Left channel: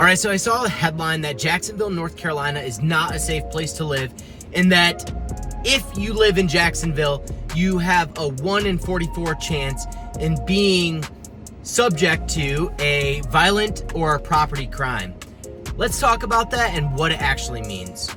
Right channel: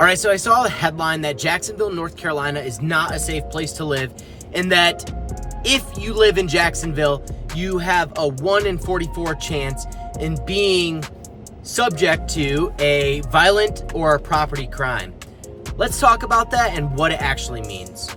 All right, so I saw a headline that Jacksonville, North Carolina is not a safe place to live, and that if you live in Jacksonville, you have a 1 in 44 chance in being subject to a violent or a property crime. Let's talk about that and what it actually means.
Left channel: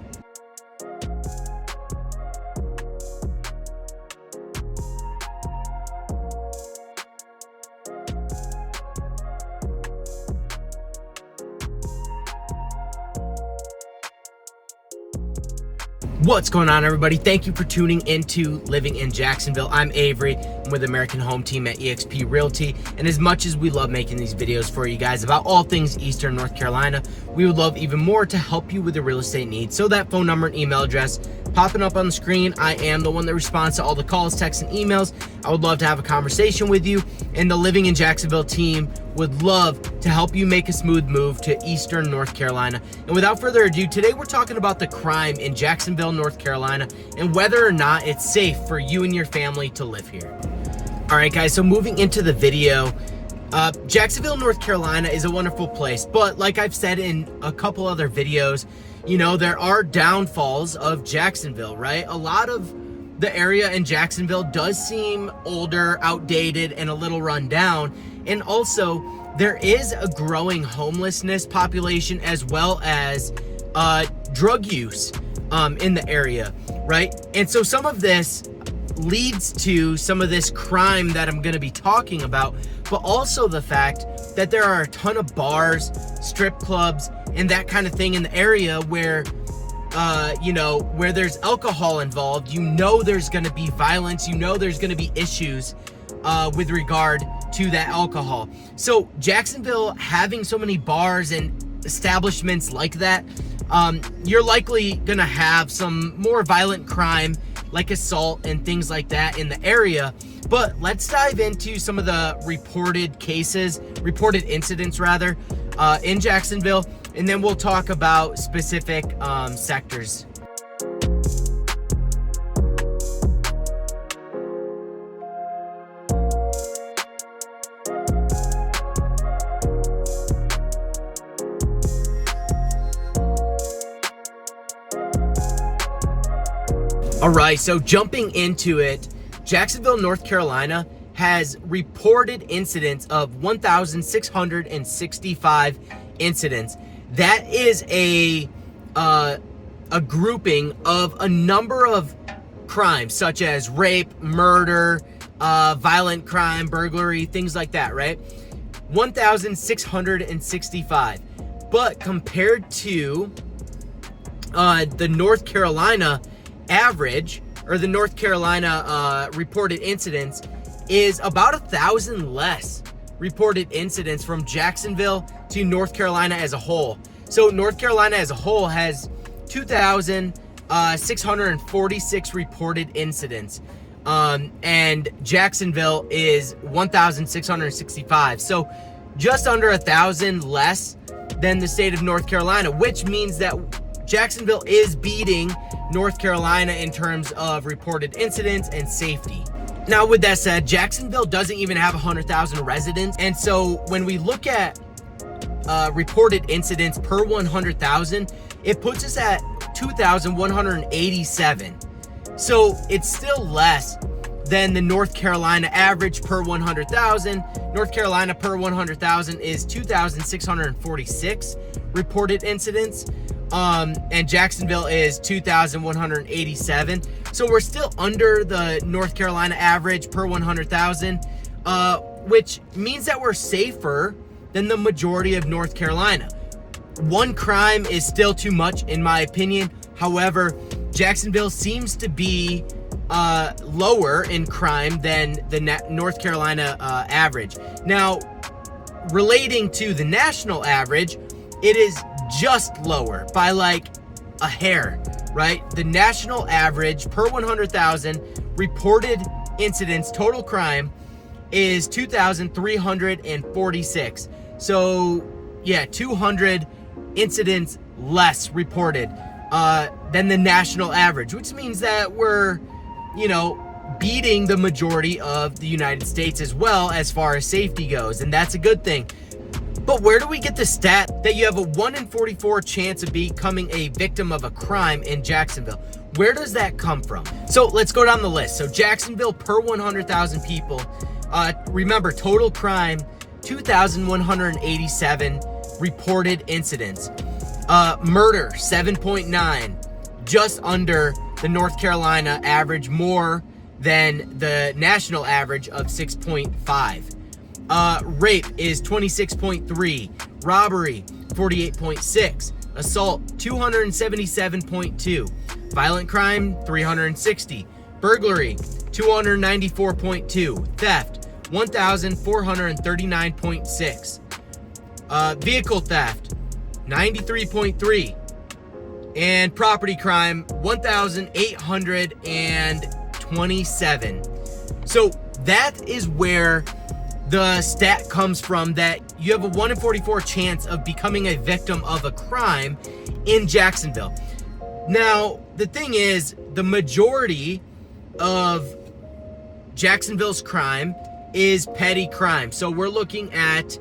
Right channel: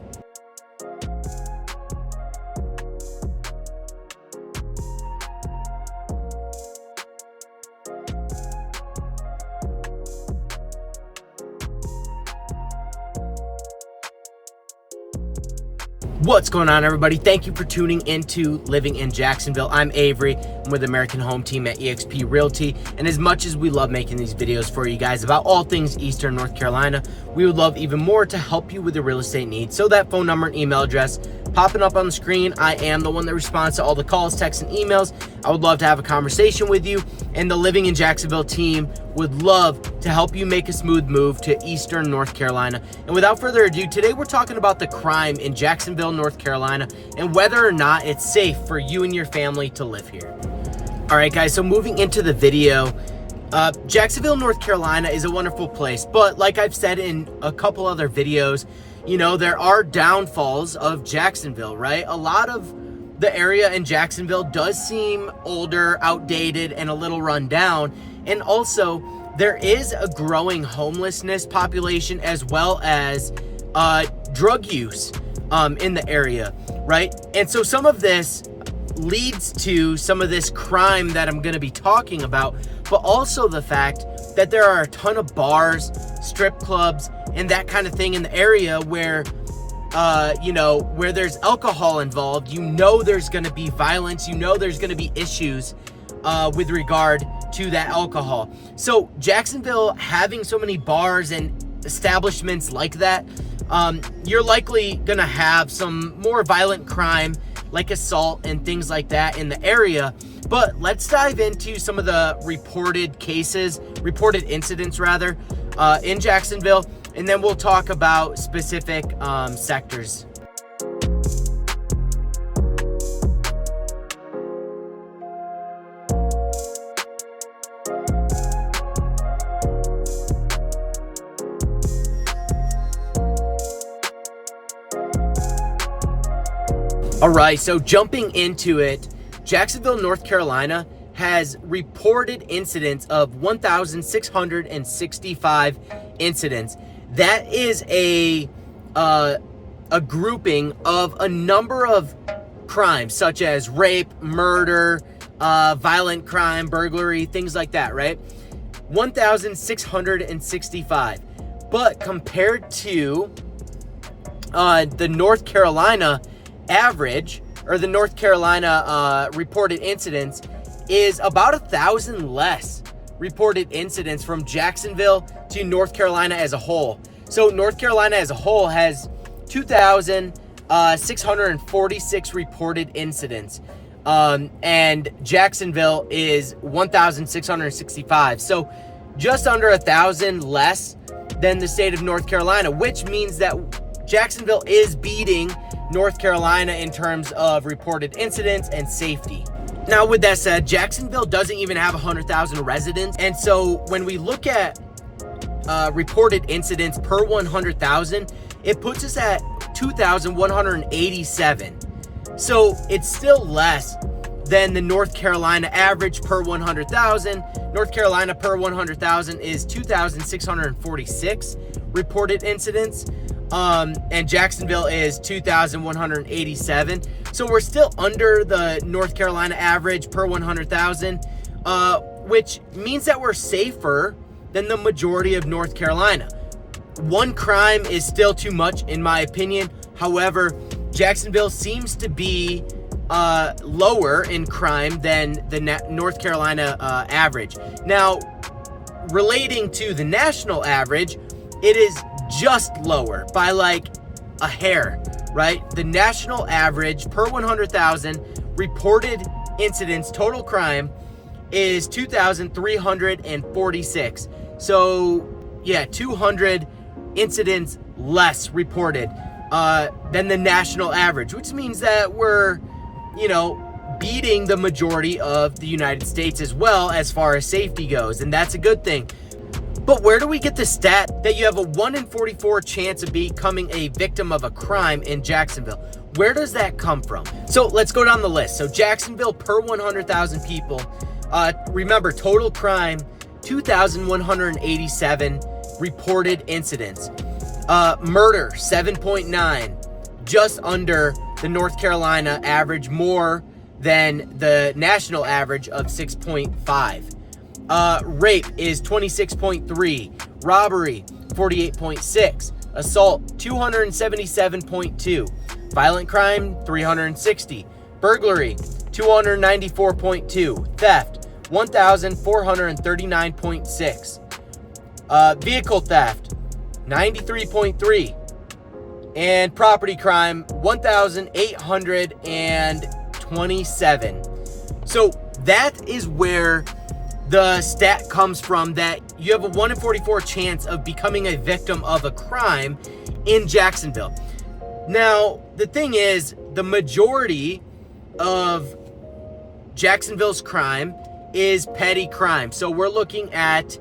What's going on, everybody? Thank you for tuning into Living in Jacksonville. I'm Avery. I'm with the American Home Team at eXp Realty. And as much as we love making these videos for you guys about all things Eastern North Carolina, we would love even more to help you with your real estate needs. So that phone number and email address popping up on the screen, I am the one that responds to all the calls, texts, and emails. I would love to have a conversation with you, and the Living in Jacksonville team would love to help you make a smooth move to Eastern North Carolina. And without further ado, today we're talking about the crime in Jacksonville, North Carolina, and whether or not it's safe for you and your family to live here. All right, guys, so moving into the video, Jacksonville, North Carolina is a wonderful place, but like I've said in a couple other videos, you know, there are downfalls of Jacksonville, right? A lot of the area in Jacksonville does seem older, outdated, and a little run down. And also, there is a growing homelessness population as well as drug use in the area, right? And so some of this leads to some of this crime that I'm going to be talking about, but also the fact that there are a ton of bars, strip clubs, and that kind of thing in the area where, where there's alcohol involved. You know there's going to be violence. You know there's going to be issues with regard to that alcohol. So Jacksonville having so many bars and establishments like that, you're likely going to have some more violent crime like assault and things like that in the area. But let's dive into some of the reported incidents in Jacksonville, and then we'll talk about specific sectors. All right, so jumping into it, Jacksonville, North Carolina has reported incidents of 1,665 incidents. That is a grouping of a number of crimes such as rape, murder, violent crime, burglary, things like that, right? 1,665. But compared to the North Carolina average, or the North Carolina reported incidents, is about 1,000 less reported incidents from Jacksonville to North Carolina as a whole. So North Carolina as a whole has 2,646 reported incidents, and Jacksonville is 1,665. So just under 1,000 less than the state of North Carolina, which means that Jacksonville is beating North Carolina in terms of reported incidents and safety. Now, with that said, Jacksonville doesn't even have 100,000 residents. And so when we look at reported incidents per 100,000, it puts us at 2,187. So it's still less than the North Carolina average per 100,000. North Carolina per 100,000 is 2,646 reported incidents. And Jacksonville is 2,187. So we're still under the North Carolina average per 100,000, which means that we're safer than the majority of North Carolina. One crime is still too much, in my opinion. However, Jacksonville seems to be lower in crime than the North Carolina average. Now, relating to the national average, it is just lower by like a hair, right? The national average per 100,000 reported incidents, total crime, is 2,346. So yeah, 200 incidents less reported than the national average, which means that we're, beating the majority of the United States as well as far as safety goes, and that's a good thing. But where do we get the stat that you have a 1 in 44 chance of becoming a victim of a crime in Jacksonville? Where does that come from? So let's go down the list. So Jacksonville, per 100,000 people, remember, total crime, 2,187 reported incidents. Murder, 7.9, just under the North Carolina average, more than the national average of 6.5. Rape is 26.3, robbery 48.6, assault 277.2, violent crime 360, burglary 294.2, theft 1,439.6, vehicle theft 93.3, and property crime 1,827. So that is where the stat comes from, that you have a 1 in 44 chance of becoming a victim of a crime in Jacksonville. Now, the thing is, the majority of Jacksonville's crime is petty crime. So we're looking at,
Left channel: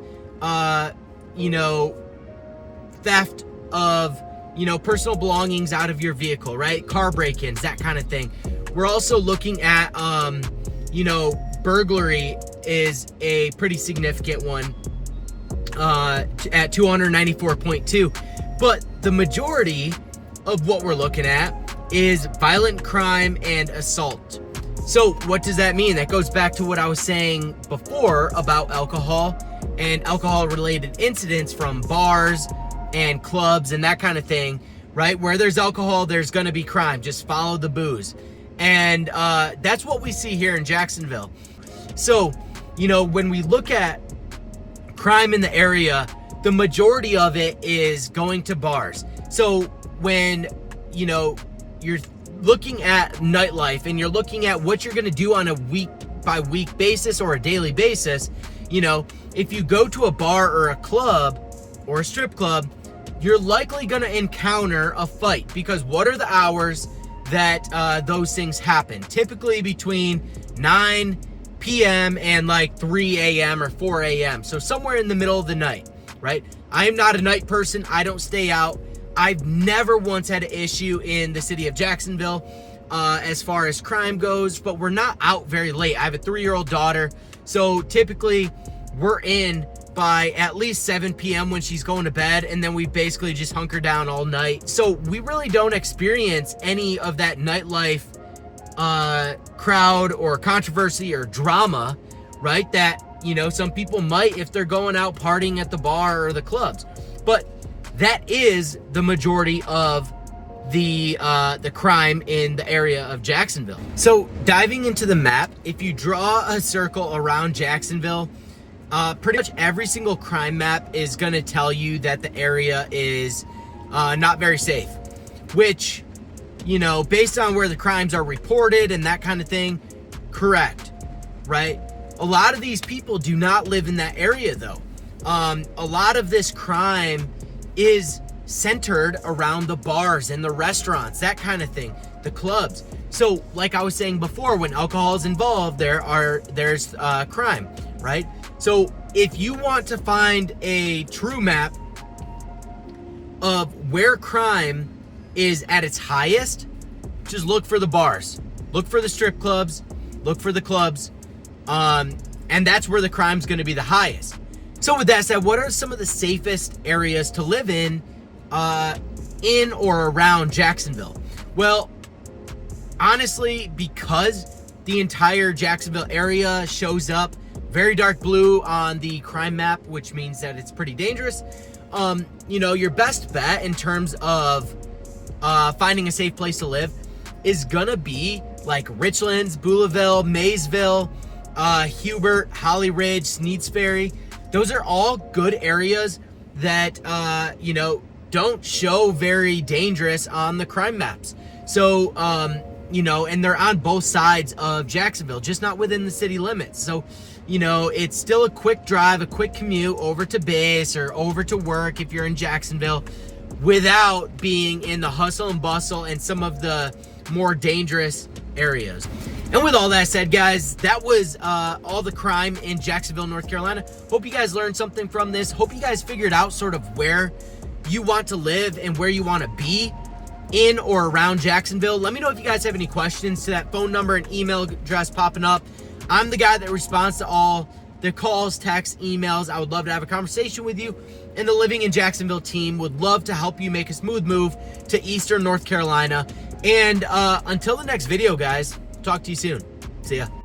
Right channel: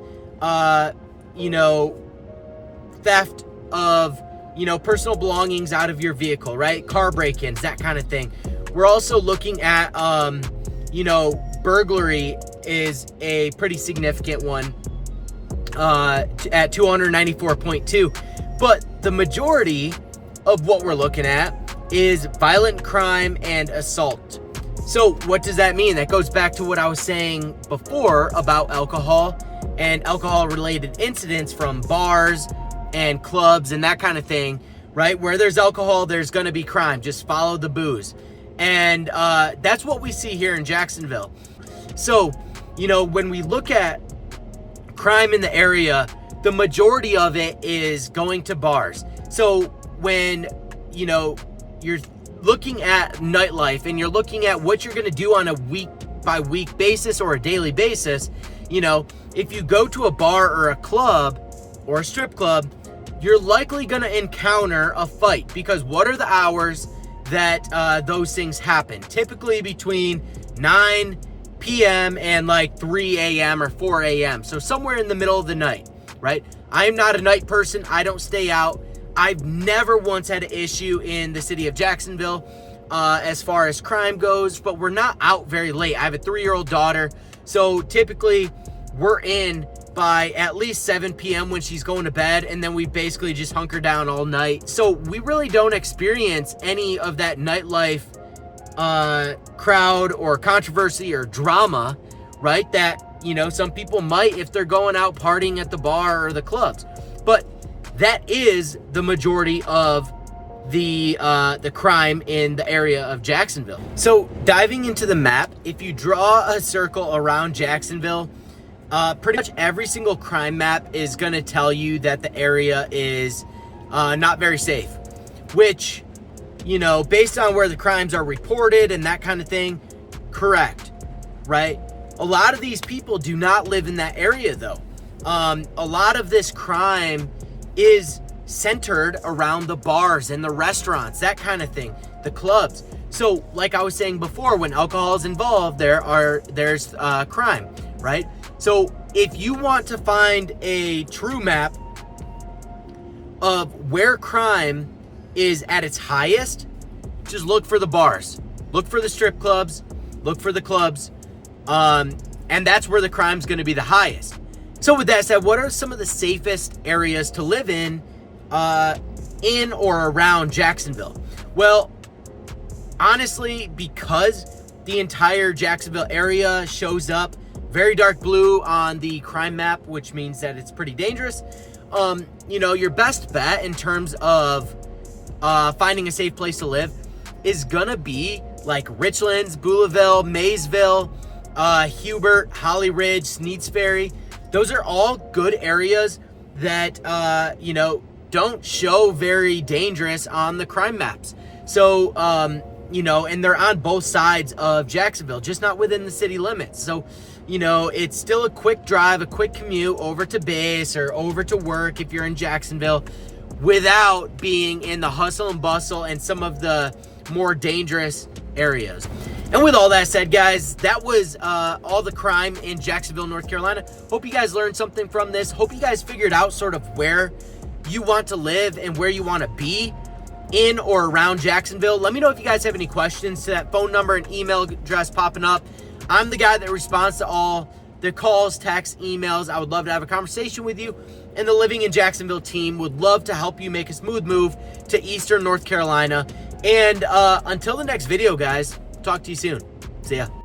theft of, personal belongings out of your vehicle, right? Car break-ins, that kind of thing. We're also looking at, burglary is a pretty significant one at 294.2. But the majority of what we're looking at is violent crime and assault. So what does that mean? That goes back to what I was saying before about alcohol and alcohol-related incidents from bars and clubs and that kind of thing, right? Where there's alcohol, there's going to be crime. Just follow the booze. And that's what we see here in Jacksonville. So, when we look at crime in the area, the majority of it is going to bars. So when, you're looking at nightlife and you're looking at what you're going to do on a week-by-week basis or a daily basis, if you go to a bar or a club or a strip club, you're likely going to encounter a fight, because what are the hours that those things happen? Typically between 9 p.m. and like 3 a.m. or 4 a.m. So somewhere in the middle of the night, right? I am not a night person. I don't stay out. I've never once had an issue in the city of Jacksonville as far as crime goes, but we're not out very late. I have a 3-year-old daughter, so typically we're in by at least 7 p.m. when she's going to bed, and then we basically just hunker down all night. So we really don't experience any of that nightlife crowd or controversy or drama, right? That, some people might if they're going out partying at the bar or the clubs. But that is the majority of the crime in the area of Jacksonville. So diving into the map, if you draw a circle around Jacksonville, pretty much every single crime map is going to tell you that the area is not very safe, which, based on where the crimes are reported and that kind of thing, correct, right? A lot of these people do not live in that area, though. A lot of this crime is centered around the bars and the restaurants, that kind of thing, the clubs. So like I was saying before, when alcohol is involved, there's crime, right? So if you want to find a true map of where crime is at its highest, just look for the bars, look for the strip clubs, look for the clubs, and that's where the crime's going to be the highest. So with that said, what are some of the safest areas to live in or around Jacksonville? Well, honestly, because the entire Jacksonville area shows up very dark blue on the crime map, which means that it's pretty dangerous, your best bet in terms of finding a safe place to live is gonna be like Richlands, Beulaville, Maysville, Hubert, Holly Ridge, Sneeds Ferry. Those are all good areas that, don't show very dangerous on the crime maps. So, and they're on both sides of Jacksonville, just not within the city limits. So, it's still a quick drive, a quick commute over to base or over to work if you're in Jacksonville, without being in the hustle and bustle and some of the more dangerous areas. And with all that said, guys, that was all the crime in Jacksonville, North Carolina. Hope you guys learned something from this. Hope you guys figured out sort of where you want to live and where you want to be in or around Jacksonville. Let me know if you guys have any questions to that phone number and email address popping up. I'm the guy that responds to all the calls, texts, emails. I would love to have a conversation with you. And the Living in Jacksonville team would love to help you make a smooth move to Eastern North Carolina. And until the next video, guys, talk to you soon. See ya.